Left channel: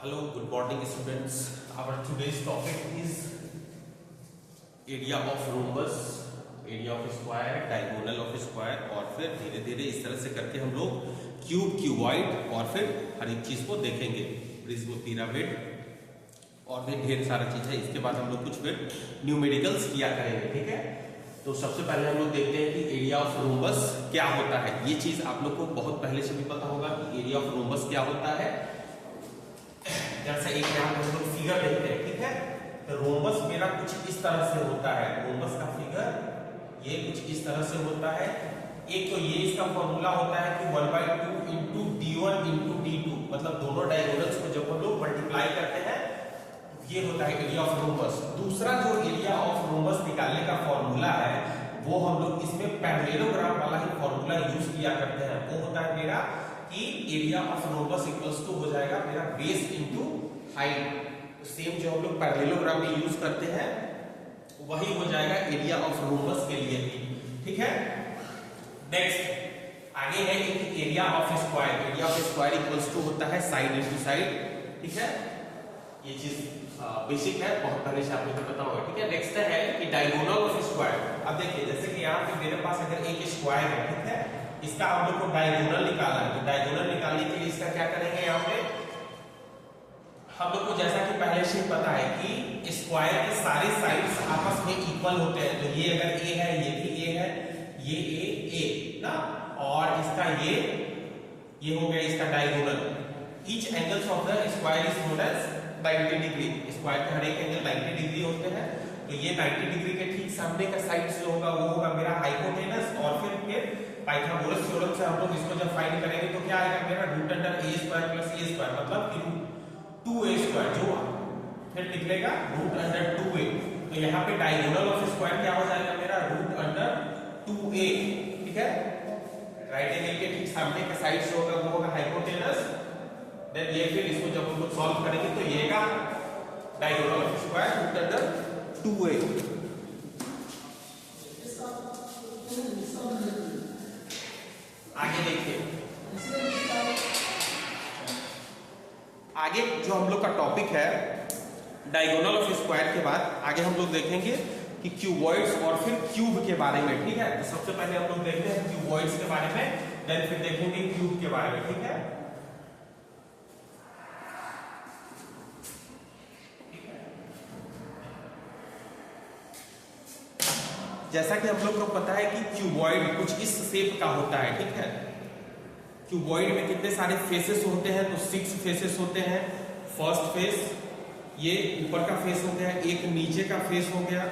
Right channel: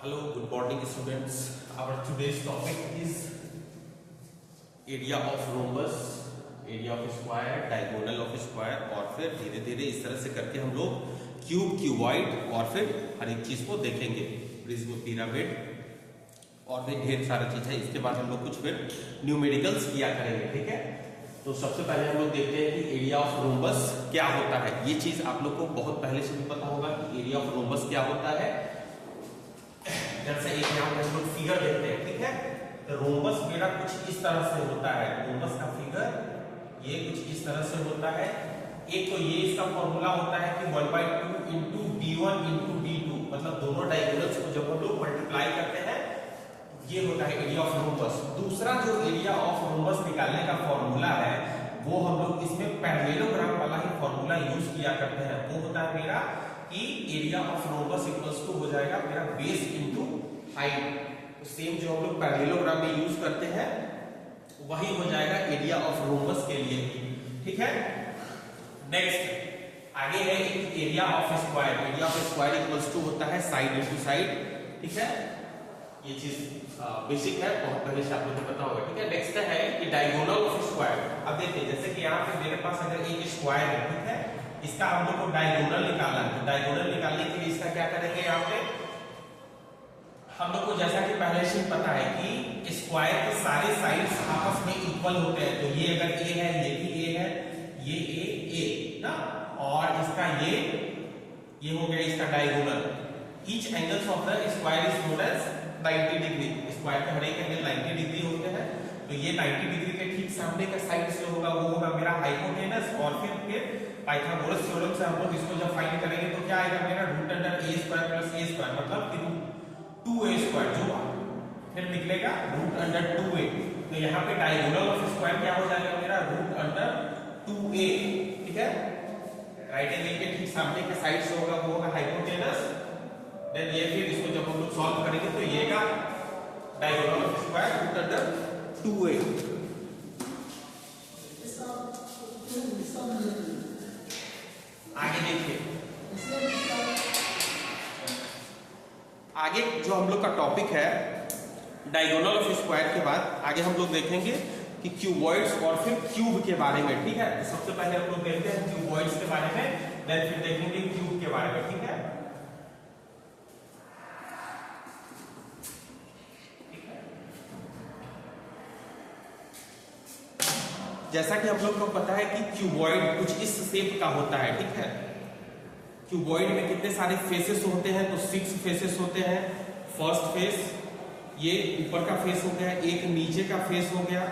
Hello, good morning students. Our today's topic is area of rhombus, area of square, diagonal of square और फिर धीरे धीरे इस तरह से करके हम लोग क्यूब, क्यूबॉइड और फिर हर एक चीज को देखेंगे, प्रिज्म, पिरामिड और भी ढेर सारा चीज है। इसके बाद हम लोग कुछ फिर न्यूमेरिकल्स किया करेंगे, ठीक है। तो सबसे पहले हम लोग देखते हैं कि एरिया ऑफ रोम्बस क्या होता है। ये चीज आप लोग को बहुत पहले से भी पता होगा कि एरिया ऑफ रोम्बस क्या होता है। जैसे एक यहाँ पे हम लोग फिगर देखते हैं, ठीक है। तो रोम्बस मेरा कुछ इस तरह से होता है, रोम्बस का फिगर ये कुछ इस तरह से होता है। एक तो ये इसका फॉर्मूला होता है कि 1/2 इंटू d1 इंटू d2, मतलब दोनों डायगोनल्स को जब हम लोग मल्टीप्लाई करते हैं ये होता है एरिया ऑफ रोम्बस। दूसरा जो एरिया ऑफ रोम्बस निकालने का फॉर्मूला है वो हम लोग इसमें पैरेललोग्राम वाला ही फॉर्मूला यूज किया करते हैं। वो होता है मेरा कि area of rhombus equals to हो जाएगा मेरा बेस इनटू हाइट। सेम जो हम लोग पैरेललोग्राम में यूज करते हैं वही हो जाएगा एरिया ऑफ रोम्बस के लिए भी, ठीक है। नेक्स्ट आगे है area of square. Area of square equals to होता है साइड इनटू साइड, ठीक है। ये चीज बेसिक है, बहुत पहले से आप लोगों को पता होगा, ठीक है। नेक्स्ट है कि डायगोनल ऑफ स्क्वायर। अब देखिए जैसे कि यहाँ पे मेरे पास अगर एक स्क्वायर है, ठीक है, इसका हम लोग को डायगोनल निकालना है। तो डायगोनल निकालने के लिए इसका क्या करेंगे, यहाँ पे हम लोग को जैसा कि पहले से पता है कि स्क्वायर के सारे साइड्स आपस में इक्वल होते हैं। तो ये अगर ए है, ये भी ए है, ये ए ना, और इसका ये हो गया इसका diagonal. Each angles of the square is known as 90 डिग्री। स्क्वायर के हर एक एंगल 90 डिग्री होते हैं। तो ये 90 डिग्री के ठीक सामने का साइड जो होगा वो होगा मेरा हाइपोटेनस। और फिर पाइथागोरस थ्योरम से हम लोग इसको जब फाइंड करेंगे तो क्या आएगा मेरा root under a square plus a square, मतलब कि 2a स्क्वायर, जो फिर निकलेगा रूट अंडर 2a। तो यहाँ पे डायगोनल ऑफ स्क्वायर क्या हो जाएगा मेरा रूट अंडर 2a, ठीक है। राइट एंगल के ठीक सामने के साइड से होगा वो होगा हाइपोटेनस। देन ये फिर इसको जब हम लोग सॉल्व करेंगे तो ये का diagonal of square root under 2a। आगे देखिए, आगे जो हम लोग का टॉपिक है डायगोनल ऑफ स्क्वायर के बाद आगे हम लोग देखेंगे कि क्यूबॉइड्स और फिर क्यूब के बारे में, ठीक है। सबसे पहले हम लोग देखते हैं क्यूबॉइड्स के बारे में, देन फिर देखेंगे क्यूब के बारे में, ठीक है। जैसा कि हम लोग को पता है कि क्यूबॉइड कुछ इस शेप का होता है, ठीक है। क्यूबॉइड में कितने सारे फेसेस होते हैं, तो 6 फेसेस होते हैं। फर्स्ट फेस ये ऊपर का फेस हो गया, एक नीचे का फेस हो गया,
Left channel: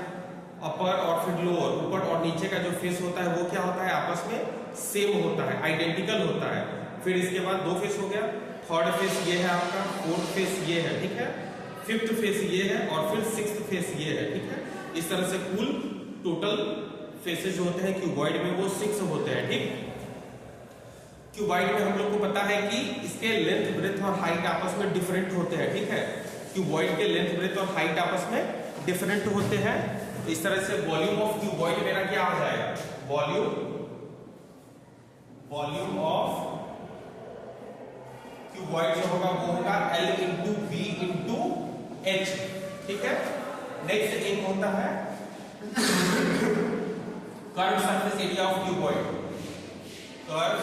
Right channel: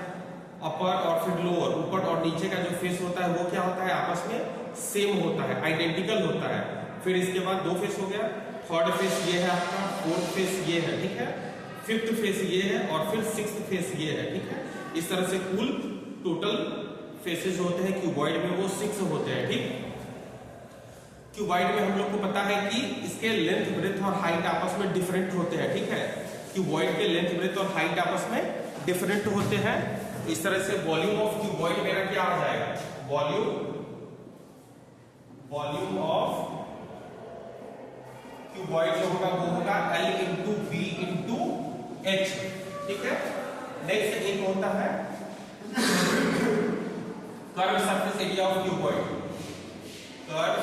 अपर और फिर लोअर। ऊपर और नीचे का जो फेस होता है वो क्या होता है, आपस में सेम होता है, आइडेंटिकल होता है। फिर इसके बाद 2 फेस हो गया, थर्ड फेस ये है आपका, फोर्थ फेस ये है, ठीक है, फिफ्थ फेस ये है और फिर सिक्स्थ फेस ये है, ठीक है। इस तरह से कुल टोटल फेसेस होते हैं क्यूबॉइड में वो 6 होते हैं, ठीक। क्यूबॉइड में हम लोग को पता है कि इसके लेंथ, ब्रेथ और हाइट आपस में डिफरेंट होते हैं, ठीक है। क्यूबॉइड के लेंथ, ब्रेथ और हाइट आपस में डिफरेंट होते हैं। इस तरह से वॉल्यूम ऑफ क्यूबॉइड मेरा क्या हो जाएगा, वॉल्यूम ऑफ क्यूबॉइड जो होगा वो होगा L into B into H, ठीक है। नेक्स्ट एक होता है curve surface area of cuboid. Curve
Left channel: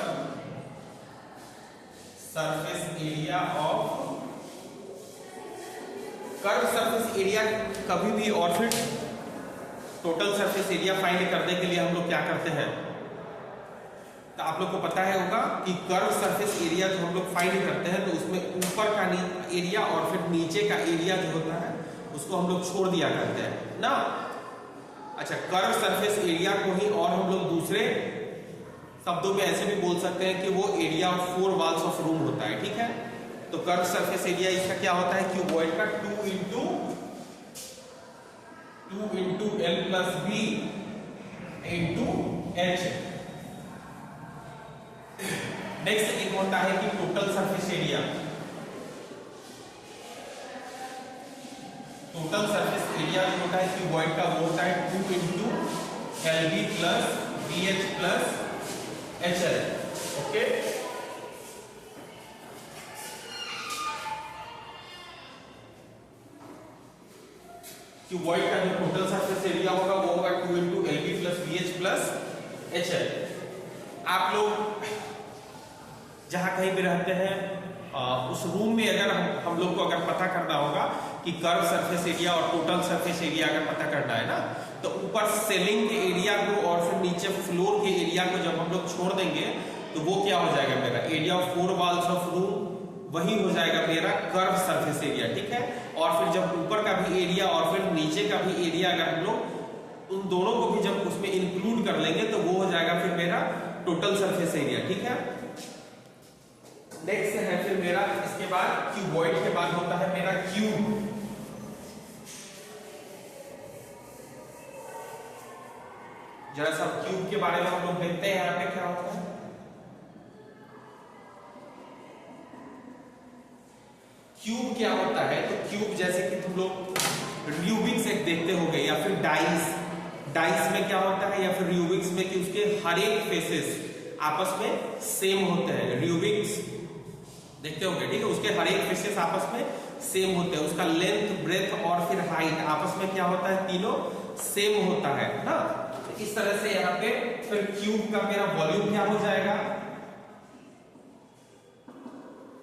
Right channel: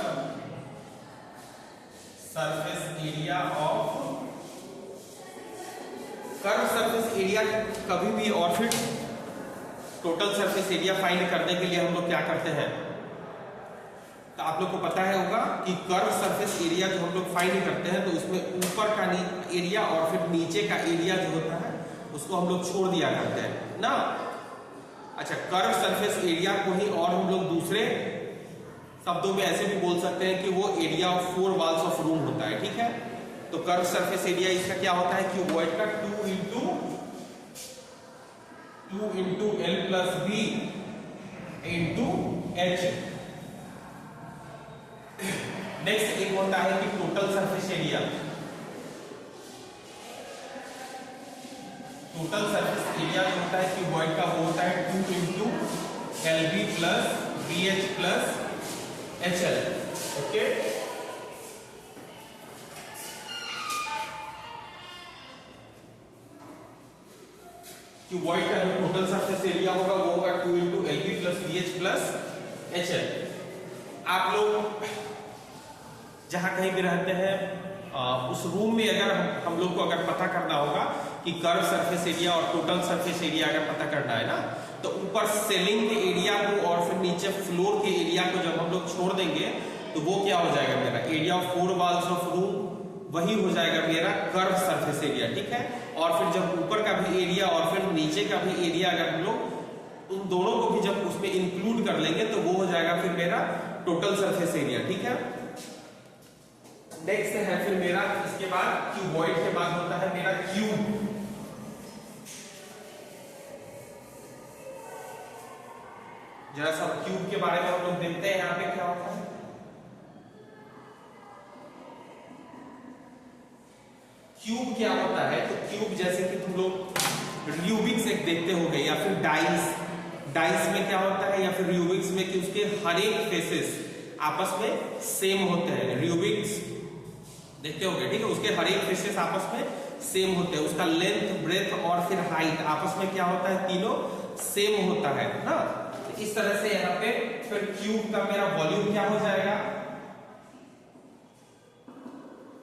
surface area of, curve surface area कभी भी, और फिर टोटल सरफेस एरिया फाइंड करने के लिए हम लोग क्या करते हैं, तो आप लोग को पता है होगा कि कर्व सरफेस एरिया जो हम लोग फाइंड करते हैं तो उसमें ऊपर का एरिया और फिर नीचे का एरिया जो होता है उसको हम लोग छोड़ दिया करते हैं ना। अच्छा, कर्व सरफेस एरिया को ही और हम लोग दूसरे शब्दों में ऐसे भी बोल सकते हैं कि वो area of 4 walls of room होता है, ठीक है। तो कर्व सरफेस एरिया इसका क्या होता है, क्यूबॉइड का 2 into L plus B into H. Next एक होता है कि total surface area. Total surface area जो होता है क्यूबॉइड का वो होता है 2 into LB plus BH plus HL, okay. Cuboid का जो टोटल सरफेस एरिया होगा वो होगा 2 into LP plus VH plus HL। आप लोग जहां कहीं भी रहते हैं उस रूम में अगर हम लोग को अगर पता करना होगा कि कर्व सरफेस एरिया और टोटल सरफेस एरिया अगर पता करना है ना, तो ऊपर सेलिंग के एरिया को और फिर नीचे फ्लोर के एरिया को जब हम लोग छोड़ देंगे तो वो क्या हो जाएगा मेरा area of 4 walls of room, वही हो जाएगा मेरा कर्व सरफेस एरिया। ठीक है, और फिर जब ऊपर का भी एरिया और फिर नीचे का भी एरिया अगर हम लोग उन दोनों को भी जब उसमें इंक्लूड कर लेंगे तो वो हो जाएगा फिर मेरा टोटल सरफेस एरिया। ठीक है, नेक्स्ट है फिर मेरा इसके बाद क्यूबॉइड के बाद होता है मेरा क्यूब। जरा सब क्यूब के बारे में हम लोग देखते हैं यहां पे क्या होता है। क्यूब क्या होता है, तो क्यूब जैसे कि तुम लोग रूबिक्स एक देखते होगे या फिर डाइस में क्या होता है, या फिर रूबिक्स में कि उसके हर एक फेसेस आपस में सेम होते हैं। रूबिक्स देखते होगे, ठीक है, उसके हर एक फेसेस आपस में सेम होते हैं, उसका लेंथ ब्रेथ और फिर हाइट आपस में क्या होता है, तीनों सेम होता है ना। तो इस तरह से यहाँ पे फिर क्यूब का मेरा वॉल्यूम क्या हो जाएगा,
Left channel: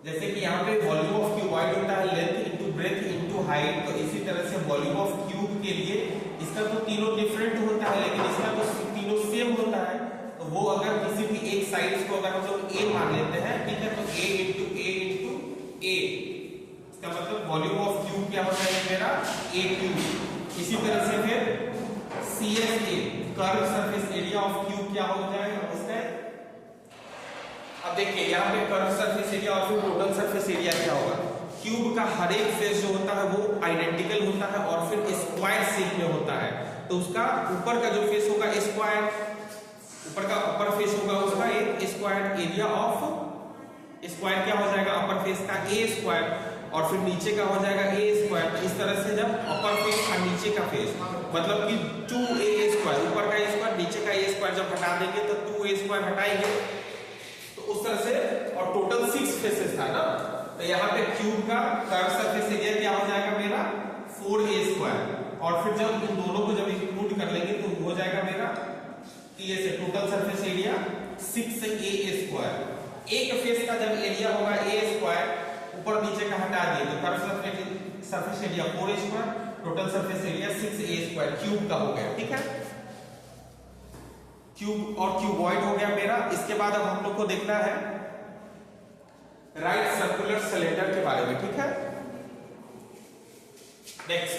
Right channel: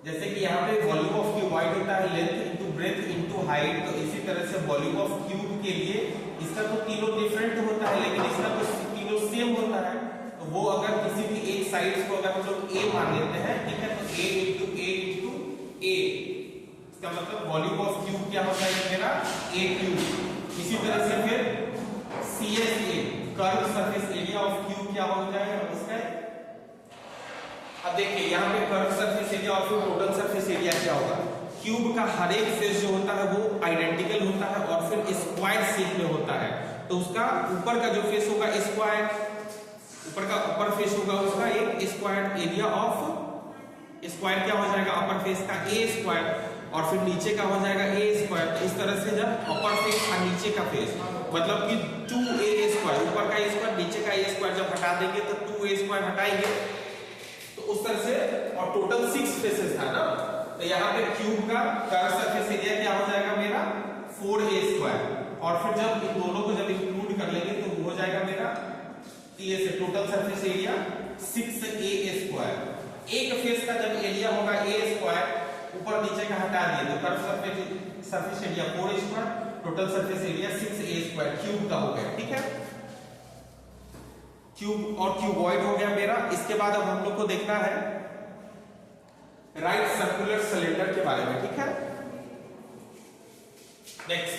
जैसे कि यहाँ पे वॉल्यूम ऑफ क्यूबॉइड होता है length into breadth into height, तो इसी तरह से वॉल्यूम ऑफ क्यूब के लिए इसका तो तीनों डिफरेंट होता है लेकिन इसका तो तीनों सेम होता है। तो वो अगर किसी भी एक साइड को अगर हम लोग ए मान लेते हैं, ठीक है, तो ए इंटू ए, इसका मतलब वॉल्यूम ऑफ क्यूब क्या होता है मेरा ए क्यूब। इसी तरह से फिर CSA curve surface area of cube क्या हो जाएगा उसका। अब देखिए यहाँ पे कर्व सरफेस एरिया और फिर टोटल सरफेस एरिया क्या होगा। क्यूब का हर एक फेस जो होता है वो आइडेंटिकल होता है और फिर स्क्वायर शेप में होता है, तो उसका ऊपर का जो फेस होगा स्क्वायर, ऊपर का अपर फेस होगा उसका एक स्क्वायर एरिया ऑफ स्क्वायर क्या हो जाएगा अपर फेस का ए स्क्वायर, और फिर नीचे का हो जाएगा ए स्क्वायर। तो इस तरह से जब अपर फेस और नीचे का फेस मतलब कि 2a स्क्वायर, ऊपर का ए स्क्वायर नीचे का ए स्क्वायर जब हटा देंगे तो 2a स्क्वायर हटाएंगे तो उस तरह से, और टोटल 6 फेसेस था ना, तो यहाँ पे क्यूब का कर्व सरफेस एरिया क्या हो जाएगा मेरा 4a स्क्वायर, और फिर जब इन दोनों को जब इंक्लूड कर लेंगे तो हो जाएगा मेरा total surface area 6a square. एक फेस का जब एरिया होगा a स्क्वायर, ऊपर नीचे का हटा दिए तो curve surface area 4a square, total surface area 6a square cube का हो गया। ठीक है, क्यूब और क्यूबॉइड हो गया मेरा। इसके बाद अब हम लोग को देखना है राइट सर्कुलर सिलेंडर के बारे में। ठीक है, नेक्स्ट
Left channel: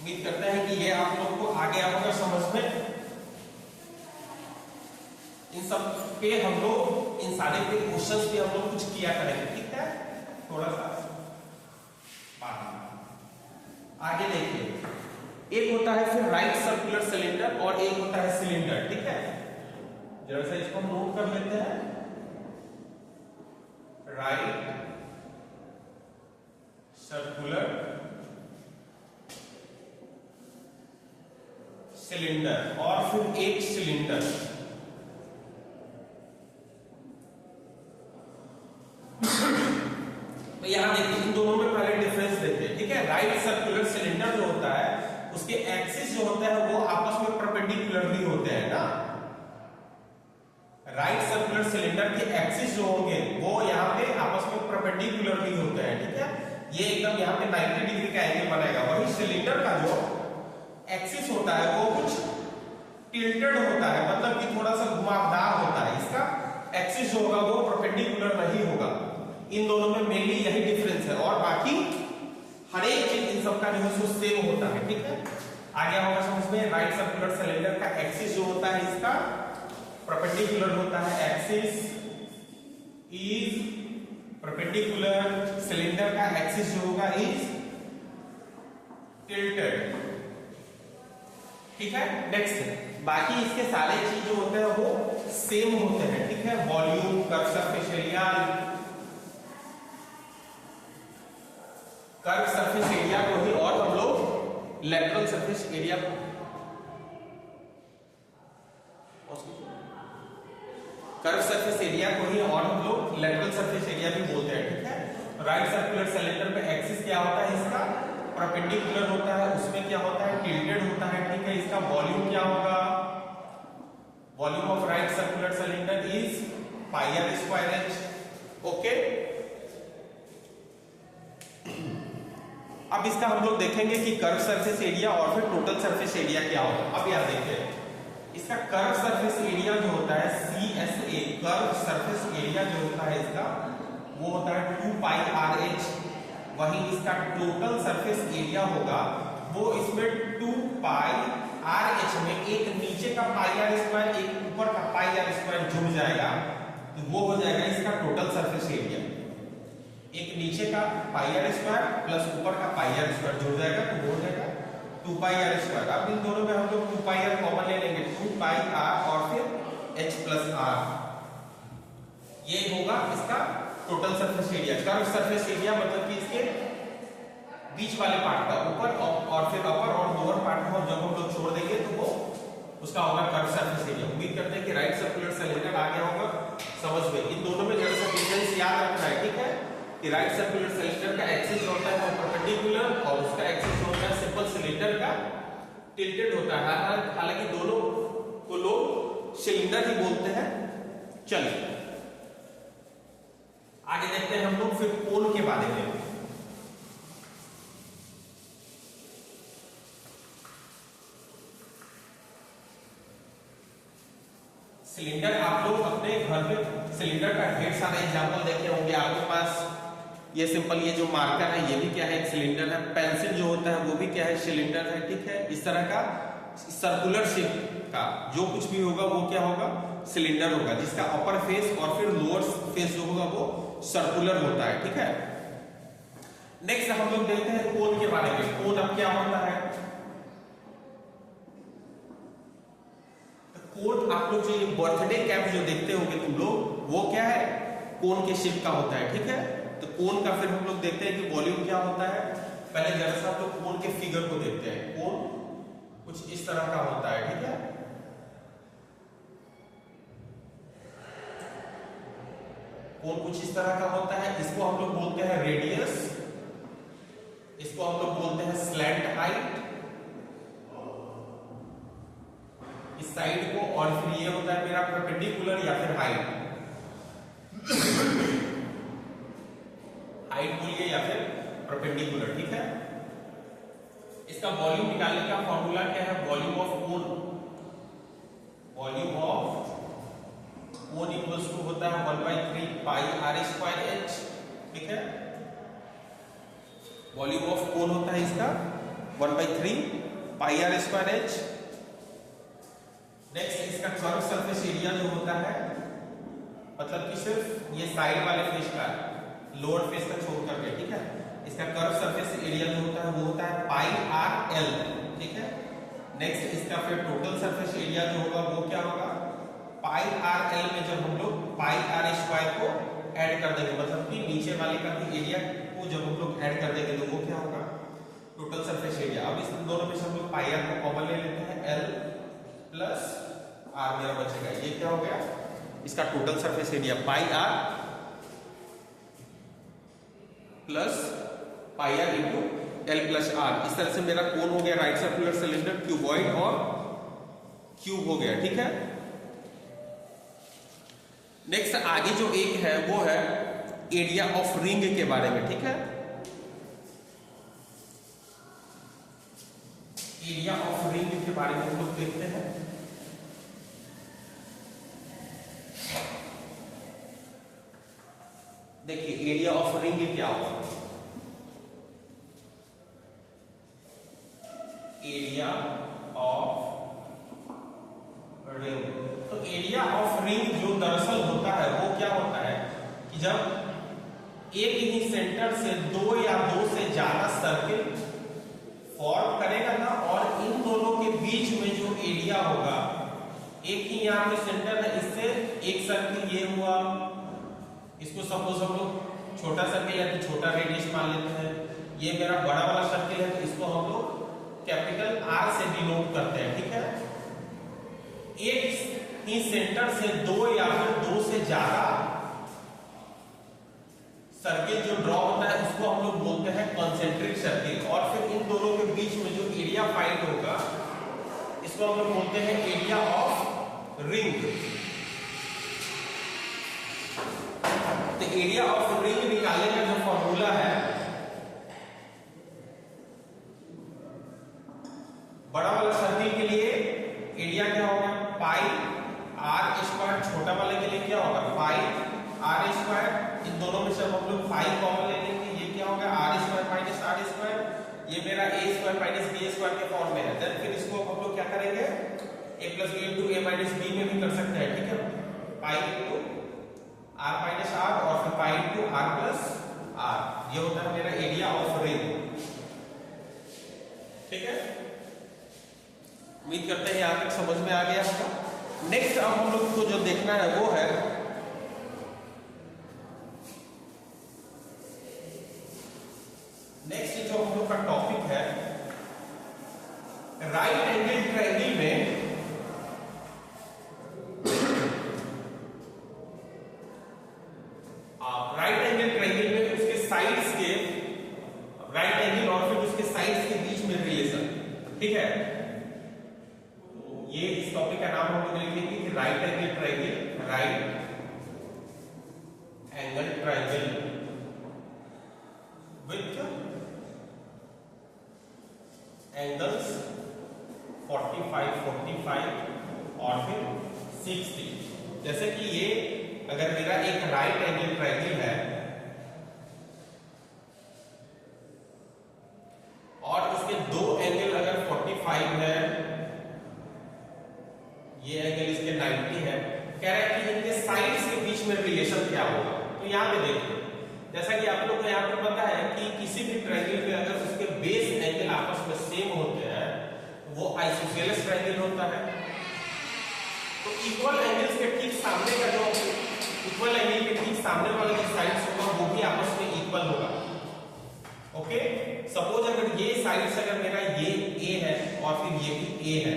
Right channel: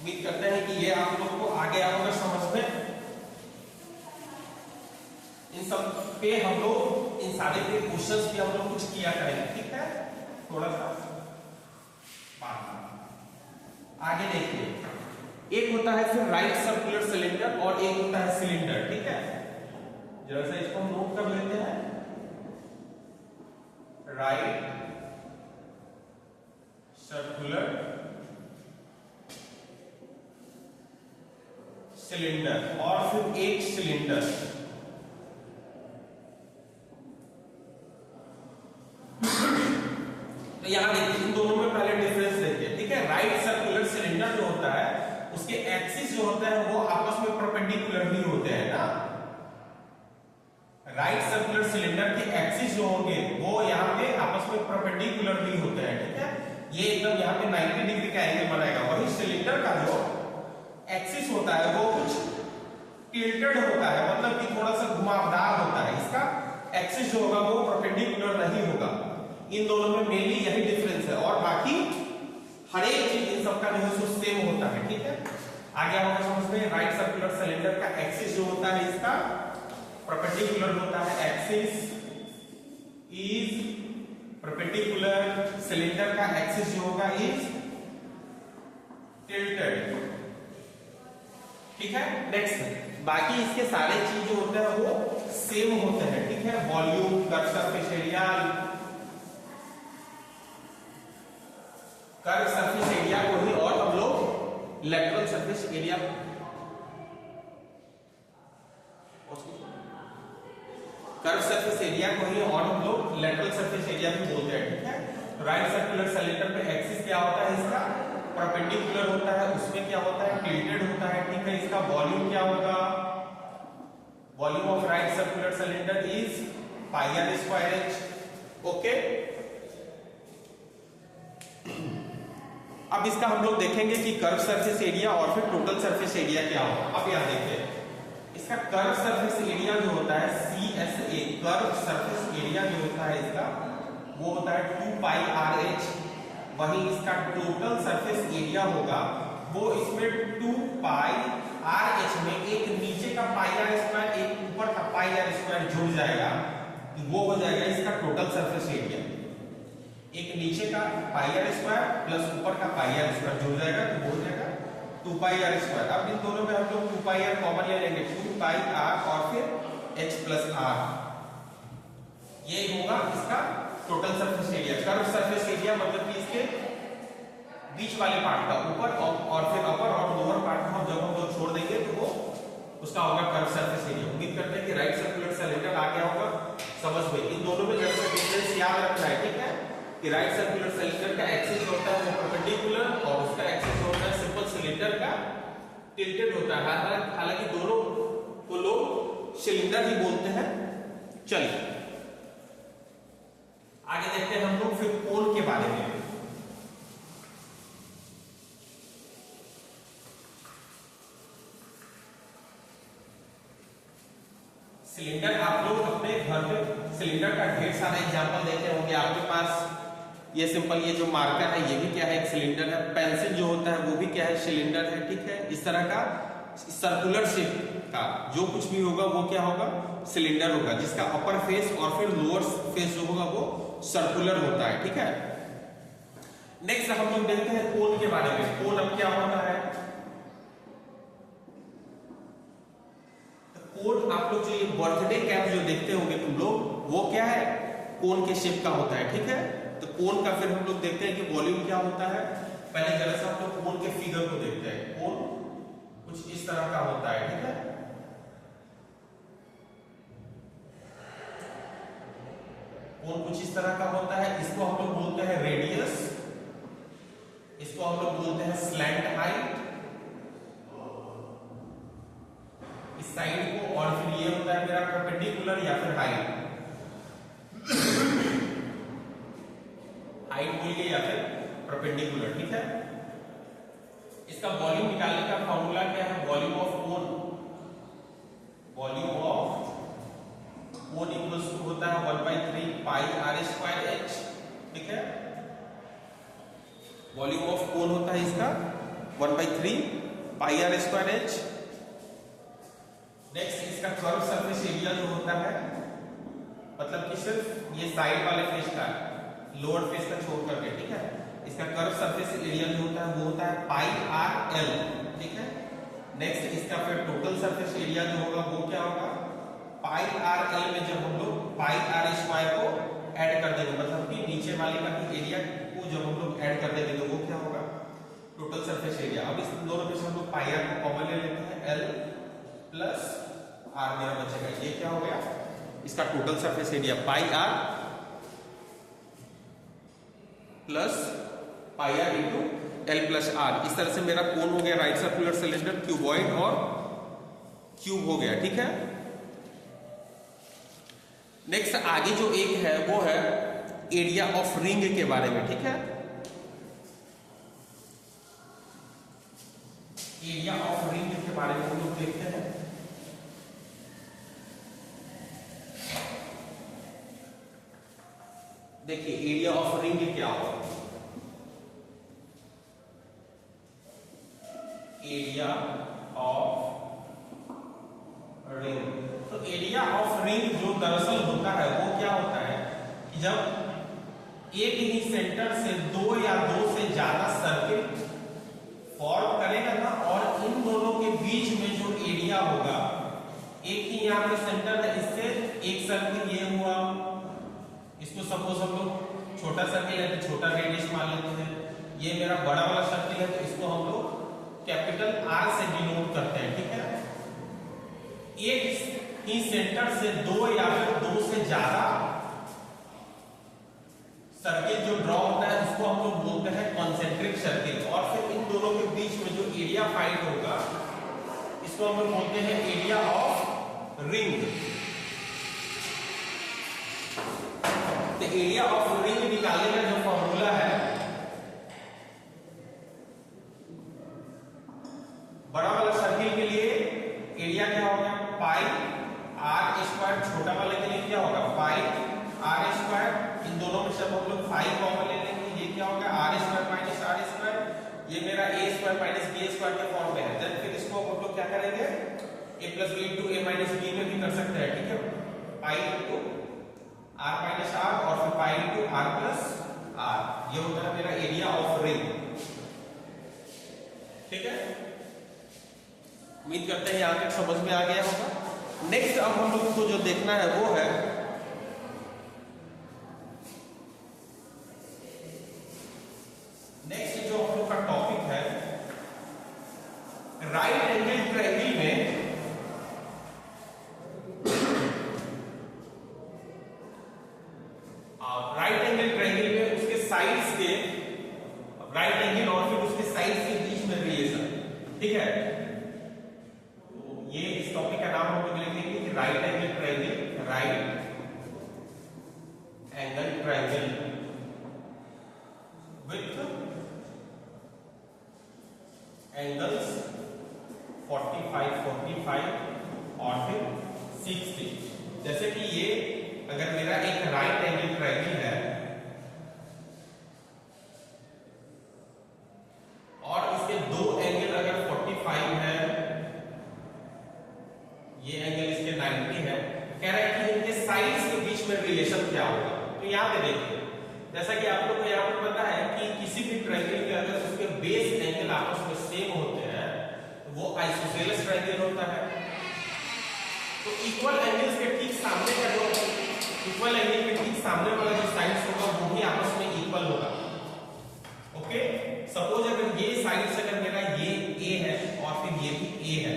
उम्मीद करते हैं कि ये आप लोग को आ गया होगा समझ में। इन सब पे हम लोग इन सारे के क्वेश्चंस पे हम लोग कुछ किया करेंगे। ठीक है, थोड़ा सा आगे देखिए, एक होता है फिर राइट सर्कुलर सिलेंडर और एक होता है सिलेंडर। ठीक है, जरा सा इसको हम नोट कर लेते हैं। राइट सर्कुलर सिलेंडर और फिर एक सिलेंडर। तो यहां देखिए इन दोनों में पहले डिफरेंस देखिए। ठीक है, राइट सर्कुलर सिलेंडर जो होता है उसके एक्सिस जो होता है वो आपस में परपेंडिकुलर भी होते हैं ना। राइट सर्कुलर सिलेंडर के एक्सिस जो होंगे वो यहाँ पे आपस में परपेंडिकुलर भी होते हैं। ठीक है, ये एकदम यहाँ पे 90 डिग्री का एंगल बनाएगा। वही सिलेंडर का जो एक्सिस होता है वो कुछ टिल्टेड होता है, मतलब कि थोड़ा सा घुमावदार होता है। इसका एक्सिस जो होगा वो परपेंडिकुलर नहीं होगा। इन दोनों में मेनली यही डिफरेंस है, और बाकी हर एक चीज इन सबका जो है सो सेम होता है। ठीक है, आ गया होगा समझ में। राइट सर्कुलर सिलेंडर का एक्सिस जो होता है इसका परपेंडिकुलर होता है, एक्सिस इज परपेंडिकुलर, सिलेंडर का एक्सिस जो होगा इज टिल्टेड। ठीक है, नेक्स्ट बाकी इसके सारे चीज जो होते हैं वो सेम होते हैं। ठीक है, volume, curve surface area, curve surface area को ही और हम लोग lateral surface area, curve surface area को ही और हम लोग लेटरल सरफेस एरिया भी बोलते हैं। ठीक है, राइट सर्कुलर सिलेंडर पे एक्सिस क्या होता है इसका परपेंडिकुलर होता है उसमें क्या होता है, टिल्टेड होता है, ठीक है। इसका वॉल्यूम क्या होगा, volume of right circular cylinder is pi r square h, okay. अब इसका हम लोग देखेंगे कि कर्व सरफेस एरिया और फिर टोटल सरफेस एरिया क्या होगा। अब यहां देखिए इसका कर्व सरफेस एरिया जो होता है CSA, कर्व सरफेस एरिया जो होता है इसका वो होता है 2 पाई आर एच। वहीं इसका टोटल सरफेस एरिया होगा वो इसमें 2 पाई आर एच में एक नीचे का पाई आर स्क्वायर एक ऊपर का पाई आर स्क्वायर जुड़ जाएगा, तो वो हो जाएगा इसका टोटल सरफेस एरिया। एक नीचे का पाई आर स्क्वायर प्लस ऊपर का पाई आर स्क्वायर जुड़ जाएगा, तो वो हो जाएगा 2 पाई आर स्क्वायर। अब इन दोनों में हम लोग 2 पाई आर कॉमन ले लेंगे, 2 पाई आर और फिर एच प्लस आर, ये होगा इसका total surface area. Curve surface area मतलब कि इसके बीच वाले पार्ट का ऊपर और फिर अपर और लोअर पार्ट को जब हम लोग छोड़ देंगे तो वो उसका होगा कर्व सरफेस एरिया। उम्मीद करते हैं कि राइट सर्कुलर सिलेंडर आ गया होगा समझ में। इन दोनों में जरा सा डिफरेंस याद रखना है, ठीक है, कि राइट सर्कुलर सिलेंडर का एक्सिस होता है वो परपेंडिकुलर और उसका एक्सिस होता है सिंपल सिलेंडर का टिल्टेड होता है। हालांकि दोनों को लोग सिलेंडर ही बोलते हैं। चलिए आगे देखते हैं हम लोग फिर कोण के बारे में। सिलेंडर आप लोग अपने घर पे सिलेंडर का ढेर सारा एग्जांपल देखे होंगे आपके पास। ये सिंपल ये जो मार्कर है ये भी क्या है, एक सिलेंडर है। पेंसिल जो होता है वो भी क्या है, सिलेंडर है, ठीक है। इस तरह का सर्कुलर शेप का जो कुछ भी होगा वो क्या होगा, सिलेंडर होगा, जिसका अपर फेस और फिर लोअर फेस जो होगा वो सर्कुलर होता है, ठीक है। नेक्स्ट हम लोग देखते हैं कोण के बारे में। कोण अब क्या होता है, कोण आप लोग जो बर्थडे कैप जो देखते होंगे तुम लोग, वो क्या है, कोण के शेप का होता है, ठीक है। तो कोण का फिर हम लोग देखते हैं कि वॉल्यूम क्या होता है। पहले जरा सा आप लोग कोण के फिगर को देखते हैं। कोण कुछ इस तरह का होता है, ठीक है। कोण कुछ इस तरह का होता है। इसको हम लोग बोलते हैं रेडियस, इसको हम लोग बोलते हैं स्लैंट हाइट, इस साइड को, और फिर ये होता है मेरा परपेंडिकुलर या फिर हाइट, हाइट बोलिए या फिर परपेंडिकुलर, ठीक है। इसका वॉल्यूम निकालने का फॉर्मूला क्या है, वॉल्यूम ऑफ कोण, वॉल्यूम ऑफ कोण इक्वल्स टू होता है 1/3 पाई आर स्क्वायर एच, ठीक है। वॉल्यूम ऑफ कोण होता है इसका 1/3 पाई आर स्क्वायर एच। नेक्स्ट इसका कर्व सरफेस एरिया जो होता है, मतलब कि सिर्फ ये साइड वाले फेस का, लोअर फेस का छोड़ करके, ठीक है। इसका कर्व सरफेस एरिया जो होता है वो होता है पाई आर एल, ठीक है। नेक्स्ट इसका फिर टोटल सरफेस एरिया जो होगा वो क्या होगा, पाई आर एल में जब हम लोग पाई आर स्क्वायर को ऐड कर देंगे, मतलब कि नीचे वाले का भी एरिया को जब हम लोग ऐड कर देंगे तो वो क्या होगा, टोटल सरफेस एरिया। अब इस दोनों में से हम लोग पाई आर को कॉमन ले लेते हैं, एल प्लस आर मेरा बचेगा, ये क्या हो गया इसका total surface area, pi r plus pi r into l plus r. इस तरह से मेरा कोण हो गया राइट सर्कुलर सिलेंडर, क्यूबॉइड और क्यूब हो गया, ठीक है। नेक्स्ट आगे जो एक है वो है एरिया ऑफ रिंग के बारे में, ठीक है। एरिया ऑफ रिंग के बारे में हम लोग देखते हैं। देखिए एरिया ऑफ रिंग क्या होगा, एरिया ऑफ रिंग। तो एरिया ऑफ रिंग जो दरअसल होता है वो क्या होता है कि जब एक ही सेंटर से दो या दो से ज्यादा सर्किल फॉर्म करेगा ना, और इन दोनों के बीच में जो एरिया होगा, एक ही यहाँ पे सेंटर है, इससे एक सर्किल ये हुआ, इसको सपोज हम लोग छोटा सर्किल है तो छोटा रेडियस मान लेते हैं, ये मेरा बड़ा वाला सर्किल है तो इसको हम लोग कैपिटल आर से डिनोट करते हैं, ठीक है। एक ही सेंटर से दो या फिर दो से ज्यादा सर्किल जो ड्रॉ होता है उसको इसको हम लोग बोलते हैं कॉन्सेंट्रिक सर्किल। और फिर इन दोनों के बीच में जो एरिया फाइंड होगा इसको हम लोग बोलते हैं एरिया ऑफ रिंग। तो एरिया ऑफ रिंग निकालने का जो फॉर्मूला है, बड़ा वाला सर्किल के लिए एरिया क्या होगा पाई आर स्क्वायर, छोटा वाले के लिए क्या होगा पाई आर स्क्वायर। इन दोनों में से हम लोग पाई कॉमन ले लेंगे, ये क्या होगा r square minus r square, ये मेरा A square minus B square के फॉर्म में है। देन फिर इसको हम लोग क्या करेंगे A plus B into A minus B में भी कर सकते हैं, ठीक है, pi into r minus r और फिर pi into r plus r. ये होता है मेरा एरिया ऑफ रिंग, ठीक है। उम्मीद करते हैं यहाँ तक समझ में आ गया होगा। नेक्स्ट अब हम लोग को जो देखना है वो है नेक्स्ट जो हम लोग का टॉपिक है राइट एंगल ट्रायंगल में राइट एंगल ट्रायंगल में उसके साइड्स के राइट एंगल और फिर उसके साइड्स के बीच में रिलेशन, ठीक है। ये इस टॉपिक का नाम हम लोग लिखेंगे कि right angle triangle, right angle triangle with angles 45, 45 और फिर 60। जैसे कि ये अगर मेरा एक राइट एंगल ट्रायंगल है और इसके दो एंगल अगर 45 है, ये एंगल इसके 90 है, कह रहा है कि इनके साइड्स के बीच में रिलेशन क्या होगा। तो यहां पे देखिए, जैसा कि आप लोग को यहां पर पता है कि किसी भी ट्रायंगल में अगर उसके बेस एंगल आपस में सेम होते हैं तो वो आइसोसेलेस ट्रायंगल होता है। तो इक्वल एंगल्स के ठीक सामने का जो इक्वल एंगल के ठीक सामने वाला जो साइड्स होगा वो भी आपस में इक्वल होगा, ओके। सपोज अगर ये साइड्स अगर मेरा ये ए है और फिर ये भी ए है,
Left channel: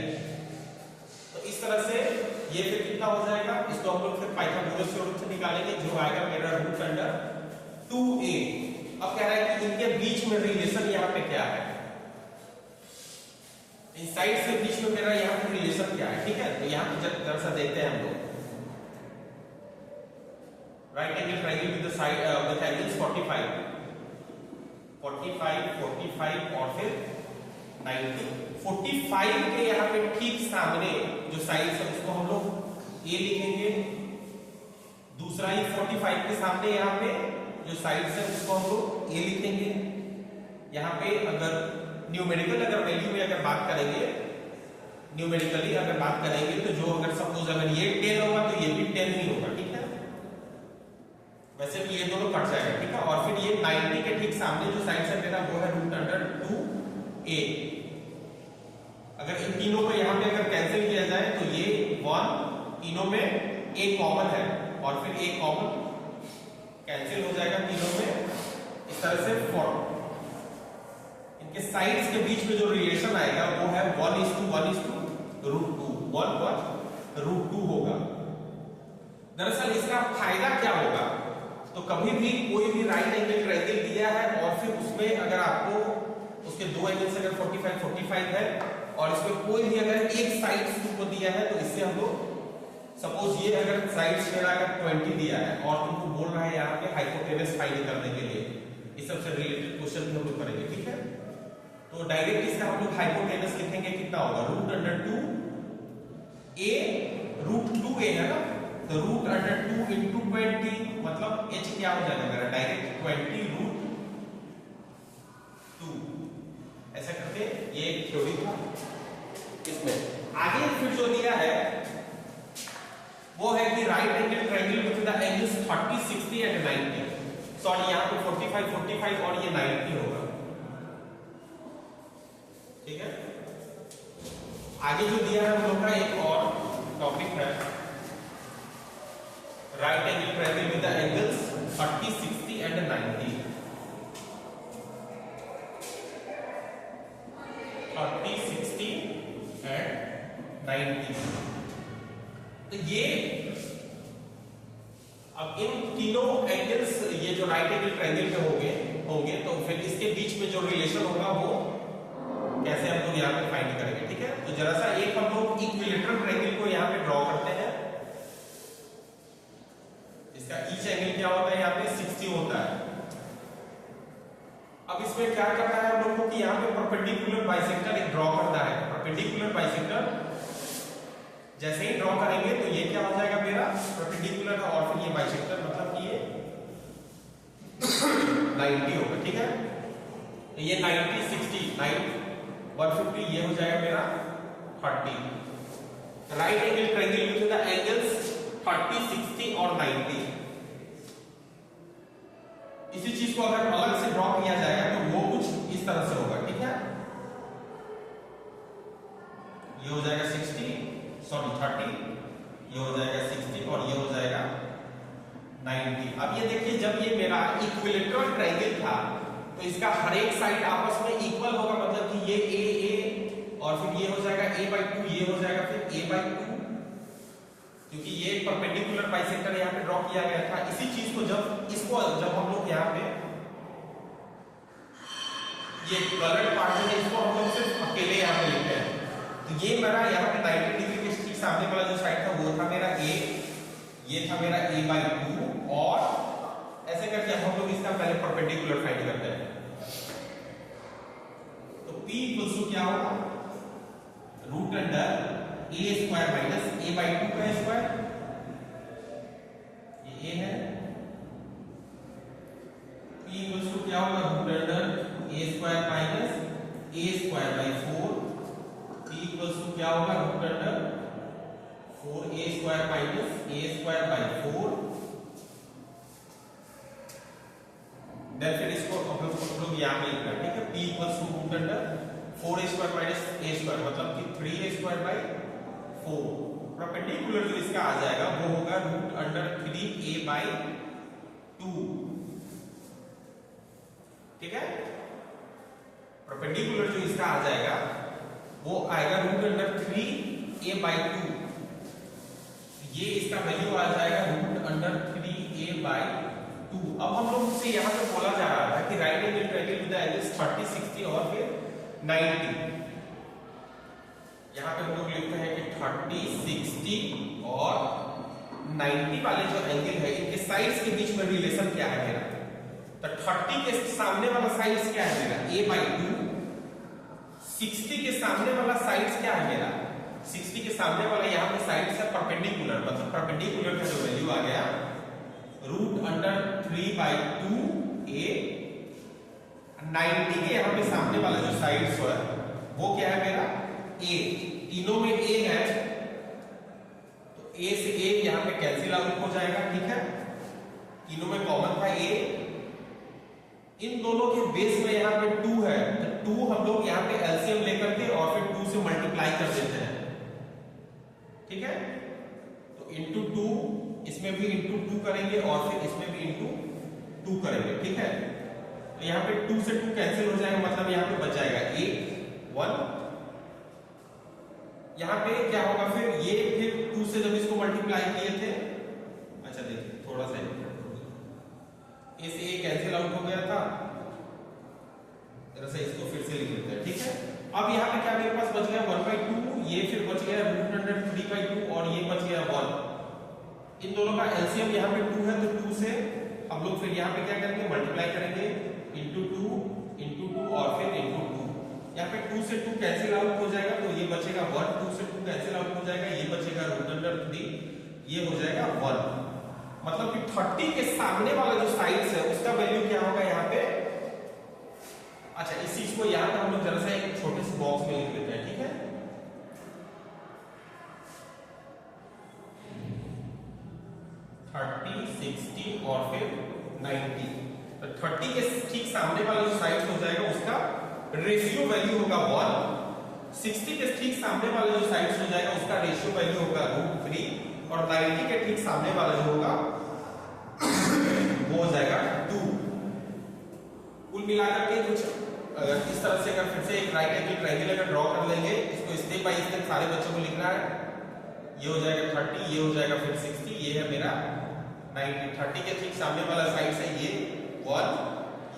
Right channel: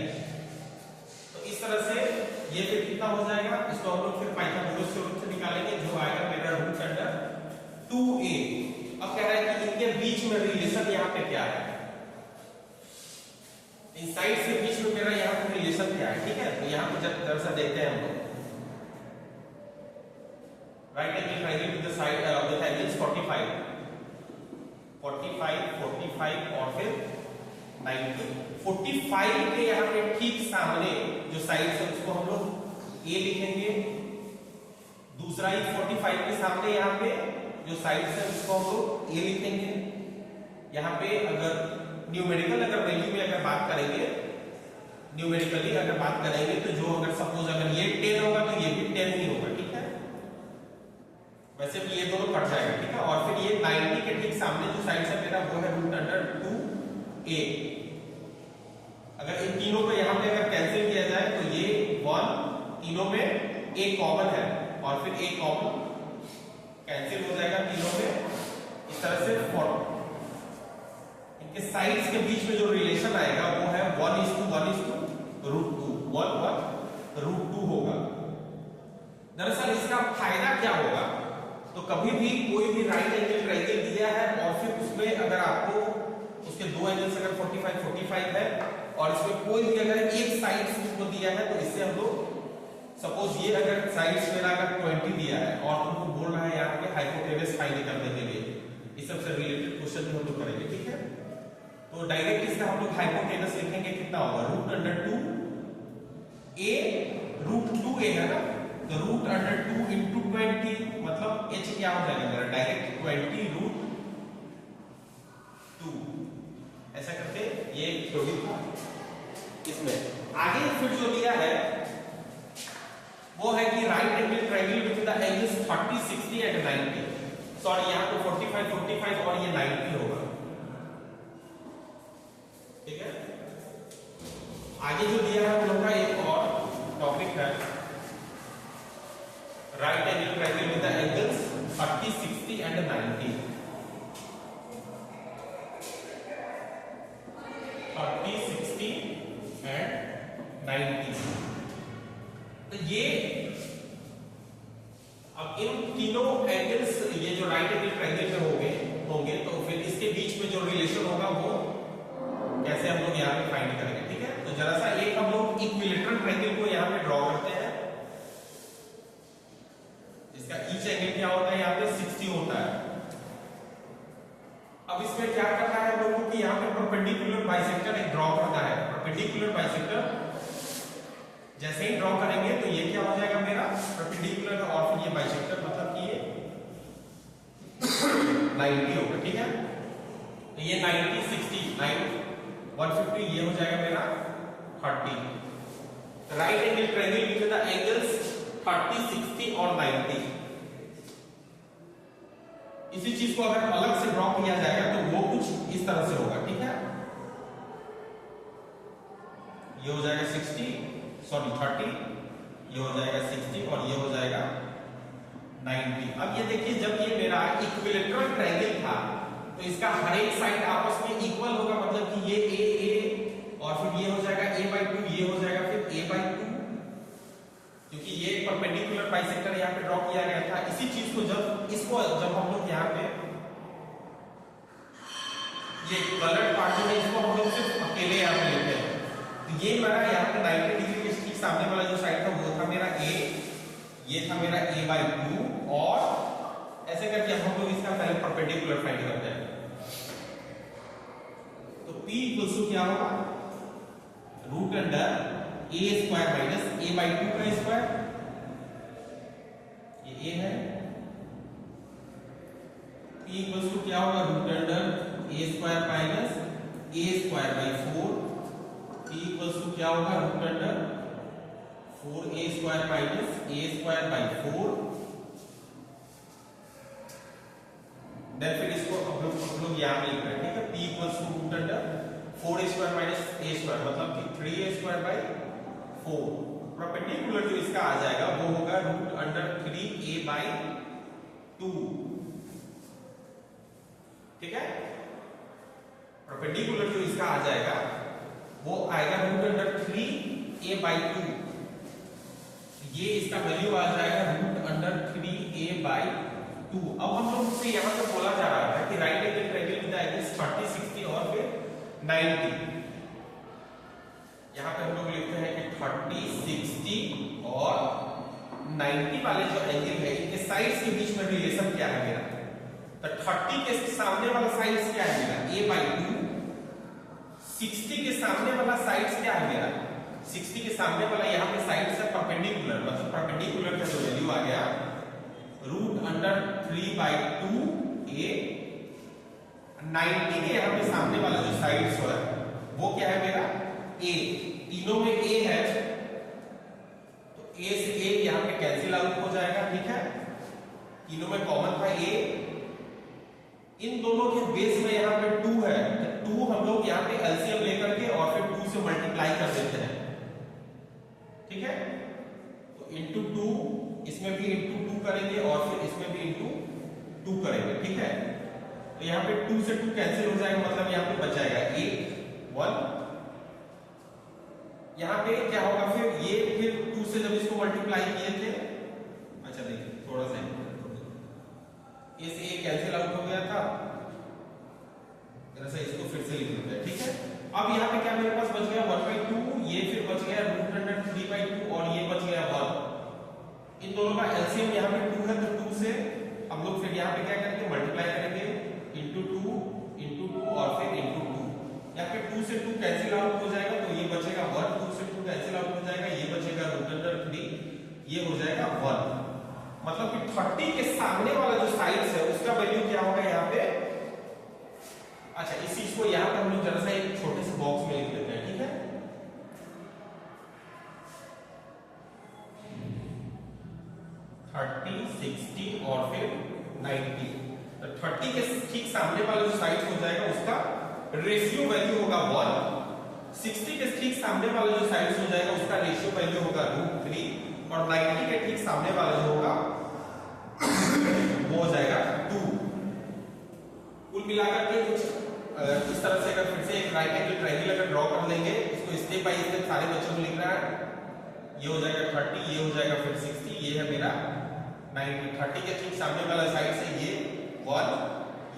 इस तरह से ये फिर कितना हो जाएगा, इसको हम लोग फिर पाइथागोरस थ्योरम से निकालेंगे, जो आएगा मेरा रूट अंडर 2a। अब कह रहा है कि इनके बीच में रिलेशन यहाँ पे क्या है, इन साइड्स के बीच में मेरा यहाँ पे रिलेशन क्या है, ठीक है। तो यहाँ पे जरा सा देखते हैं हम लोग right angle triangle with the side with angles 45, 45, 45 और फिर 90। 45 के यहाँ पे ठीक सामने जो साइड है उसको हम लोग ए लिखेंगे, दूसरा ही 45 के सामने यहाँ पे जो साइड है उसको हम लोग ए लिखेंगे। यहाँ पे अगर न्यूमेरिकल अगर वैल्यू में अगर बात करेंगे, न्यूमेरिकली अगर बात करेंगे तो जो अगर सपोज अगर ये 10 होगा तो ये भी 10 ही होगा, ठीक है। वैसे भी ये दोनों कट जाएगा, ठीक है। और फिर ये 90 के ठीक सामने जो साइड है मेरा वो है रूट अंडर 2a। अगर इन तीनों को यहाँ पे अगर कैंसिल किया जाए तो ये 1, तीनों में a कॉमन है और फिर a कॉमन कैंसिल हो जाएगा तीनों में, इस तरह से 4। इनके साइड्स के बीच में जो रिलेशन आएगा वो है 1:1:√2, 1:√2 होगा। दरअसल इसका फायदा क्या होगा, तो कभी भी कोई भी राइट एंगल ट्रायंगल दिया है और फिर उसमें अगर आपको उसके दो एंगल्स अगर 45, 45 है और इसमें कोई भी अगर एक साइड को दिया है तो इससे हम लोग सपोज ये अगर साइड्स मेरा अगर 20 दिया है और तुमको बोल रहा है यहाँ पे हाइपोटेनस फाइंड करने के लिए, इस सबसे रिलेटेड क्वेश्चन भी हम लोग करेंगे, ठीक है। तो डायरेक्ट इसका हम लोग हाइपोटेनस लिखेंगे, कितना होगा root under 2a, root 2a है ना, तो रूट अंडर 2 इंटू 20 मतलब h क्या हो जाएगा मेरा डायरेक्ट 20√2। ऐसा करके ये थ्योरी था। इसमें आगे फिर जो दिया है वो है कि right angle triangle with the angles 30, 60 and 90। Sorry यहाँ पे 45, 45 और ये 90 होगा, ठीक है। आगे जो दिया है हम लोग का एक और टॉपिक है right angle triangle with the angles 30, 60 and 90। 30, 60 and 90। तो ये अब इन तीनों एंगल्स ये जो राइट एंगल ट्रायंगल में होंगे तो होंगे तो फिर इसके बीच में जो रिलेशन होगा वो कैसे हम लोग यहाँ पे फाइंड करेंगे, ठीक है। तो जरा सा एक हम लोग इक्विलेटरल ट्रायंगल को यहाँ पे ड्रॉ करते हैं। इसका ईच एंगल क्या होता है, यहाँ पे 60 होता है। अब इसमें क्या करना है हम लोग को कि यहाँ पे परपेंडिकुलर बाइसेक्टर एक ड्रॉ करना है। परपेंडिकुलर बाइसेक्टर जैसे ही ड्रॉ करेंगे तो ये क्या हो जाएगा मेरा परपेंडिकुलर और फिर ये बाइसेक्टर मतलब कि ये 90 होगा, ठीक है। तो ये 90 60 9 150 ये हो जाएगा मेरा 30। Right angle triangle with the angles 30 60 और 90। इसी चीज को अगर अलग से ड्रॉ किया जाएगा तो वो कुछ इस तरह से होगा, ठीक है। ये हो जाएगा 60 सॉरी 30, ये हो जाएगा 60 और ये हो जाएगा 90। अब ये देखिए जब ये मेरा इक्विलेटरल ट्रायंगल था तो इसका हर एक साइड आपस में इक्वल होगा, मतलब कि ये ए और फिर ये हो जाएगा a/2, ये हो जाएगा फिर a/2, क्योंकि ये परपेंडिकुलर बाइसेक्टर यहाँ पे ड्रॉ किया गया था। इसी चीज को जब हम लोग यहाँ पे ये कलर्ड पार्ट जो है इसको हम लोग सिर्फ अकेले यहाँ पे लेते हैं तो ये मेरा यहाँ पे 90 डिग्री के ठीक सामने वाला जो साइड था वो था मेरा a, ये था मेरा a/2 और ऐसे करके हम लोग इसका पहले परपेंडिकुलर फाइंड करते हैं। तो P इक्वल्स टू क्या होगा, root under a square minus a/2 का स्क्वायर, ये a है। P इक्वल्स टू क्या होगा, root under a square minus a square by 4। P equals to क्या होगा, root under 4a square minus a square by 4। Then फिर इसको हम लोग यहाँ पे लिखना है, ठीक है। P equals to root under 4a square minus a square मतलब कि 3a स्क्वायर बाई 4। परपेंडिकुलर जो इसका आ जाएगा वो होगा रूट अंडर 3a बाई 2, ठीक है। परपेंडिकुलर जो इसका आ जाएगा वो आएगा रूट अंडर 3a बाई 2। ये इसका वैल्यू आ जाएगा रूट अंडर 3a बाई 2। अब हम लोग से यहां पे बोला जा रहा था कि right angle triangle with angles 30 60 और फिर 90। यहां पे हम लोग लिखते हैं कि 30 60 और 90 वाले जो एंगल है इनके साइड्स के बीच में रिलेशन क्या है मेरा, तो 30 के सामने वाला साइड्स क्या है मेरा a/2, 60 के सामने वाला साइड्स क्या है मेरा, 60 के सामने वाला यहाँ पे साइड्स है परपेंडिकुलर, मतलब परपेंडिकुलर का जो वैल्यू आ गया रूट अंडर 3/2a। 90 के यहाँ पे सामने वाला जो साइड्स है वो क्या है मेरा a, तीनों में a है तो a से a यहाँ पे कैंसिल आउट हो जाएगा, ठीक है। तीनों में कॉमन था a, इन दोनों के बेस में यहाँ पे 2 है तो 2 हम लोग यहाँ पे एलसीएम लेकर के और फिर 2 से मल्टीप्लाई कर देते हैं, ठीक है। तो इंटू 2, इसमें भी इंटू 2 करेंगे और फिर इसमें भी इंटू 2 करेंगे, ठीक है। तो यहाँ पे 2 से 2 कैंसिल हो जाएगा, मतलब यहाँ पे बच जाएगा 8 1। यहाँ पे क्या होगा फिर ये फिर 2 से जब इसको मल्टीप्लाई किए थे, अच्छा देखिए थोड़ा सा इस a कैंसिल आउट हो गया था, जरा सा इसको फिर से लिख लेते हैं, ठीक है। अब यहाँ पे क्या मेरे पास बच गया 1/2, ये फिर बच गया रूट अंडर 3/2 और ये बच गया 1। इन दोनों का एलसीएम यहाँ पे 2 है तो 2 से हम लोग फिर यहाँ पे क्या करेंगे मल्टीप्लाई करेंगे इंटू 2 और फिर इंटू 2। यहाँ पे 2 से 2 कैंसिल आउट हो जाएगा तो ये बचेगा 1, 2 से 2 कैंसिल आउट हो जाएगा, ये बचेगा रूट अंडर 3, ये हो जाएगा 1। मतलब कि 30 के सामने वाला जो साइड्स है उसका वैल्यू क्या होगा यहाँ पे। अच्छा इस चीज को यहाँ पे हम लोग जरा सा एक छोटे से बॉक्स में लिख लेते हैं, ठीक है। थर्टी 60 और फिर 90, तो 30 के ठीक सामने वाले जो साइड्स हो जाएगा उसका रेशियो वैल्यू होगा 1। 60 के ठीक सामने वाले जो साइड्स हो जाएगा उसका रेशियो वैल्यू होगा √3 और 90 के ठीक सामने वाला जो होगा वो हो जाएगा 2। कुल मिलाकर के कुछ अगर इस तरह से अगर फिर से एक राइट एंगल ट्रायंगल अगर ड्रॉ कर लेंगे, इसको स्टेप बाय स्टेप सारे बच्चों को लिखना है। ये हो जाएगा 30, ये हो जाएगा फिर 60, ये है मेरा 90। 30 के ठीक सामने वाला साइड से ये 1,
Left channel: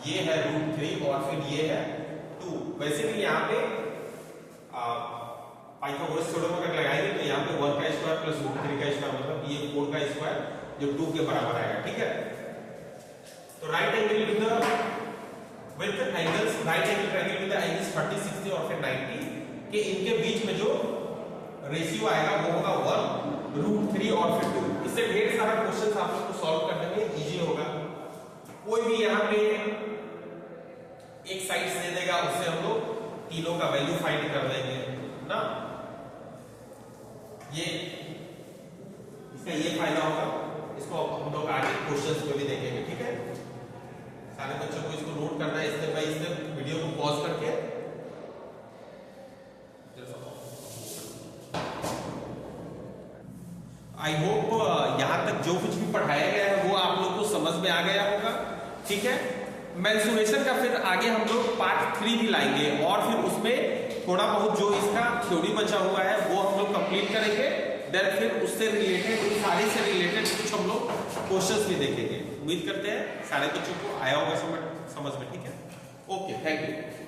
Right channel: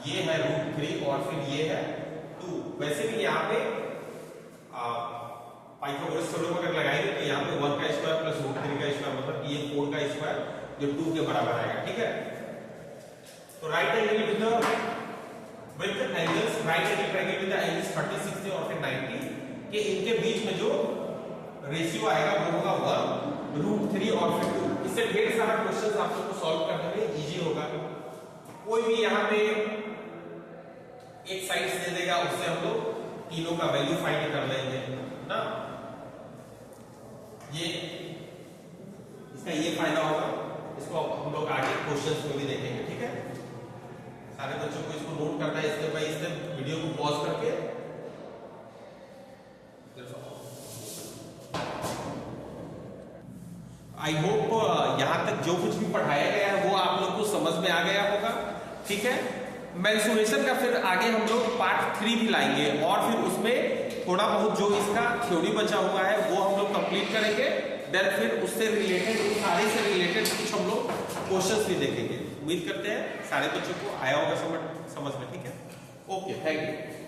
ये है √3 और फिर ये है 2। वैसे भी यहाँ पे पाइथागोरस थ्योरम अगर लगाएंगे तो यहाँ पे 1 का स्क्वायर प्लस √3 का स्क्वायर मतलब कि ये 4 का स्क्वायर जो 2 के बराबर आएगा, ठीक है। तो right angle to the with angles, right angle triangle to the angles 30, 60 और फिर 90 के इनके बीच में जो रेशियो आएगा वो होगा 1 √3 और फिर 2। इससे ढेर सारा क्वेश्चन आप लोग को सॉल्व करने में इजी होगा। कोई भी यहाँ पे एक साइड दे देगा, उससे हम लोग तीनों का वैल्यू फाइंड कर लेंगे ना। ये इसका ये फायदा होगा, इसको हम लोग आगे क्वेश्चंस में भी देखेंगे, ठीक है। सारे बच्चों को इसको नोट करना है स्टेप बाय स्टेप, वीडियो को पॉज करके। आई होप यहां तक जो कुछ भी पढ़ाया गया है वो आप लोग को समझ में आ गया होगा, ठीक है। मेंसुरेशन का फिर आगे हम लोग पार्ट 3 भी लाएंगे और फिर उसमें थोड़ा बहुत जो इसका थ्योरी बचा हुआ है वो हम लोग कंप्लीट करेंगे। देन फिर उससे रिलेटेड, सारे से रिलेटेड कुछ हम लोग क्वेश्चंस भी देखेंगे। उम्मीद करते हैं सारे बच्चों को आया होगा समझ में, ठीक है। Okay, thank you.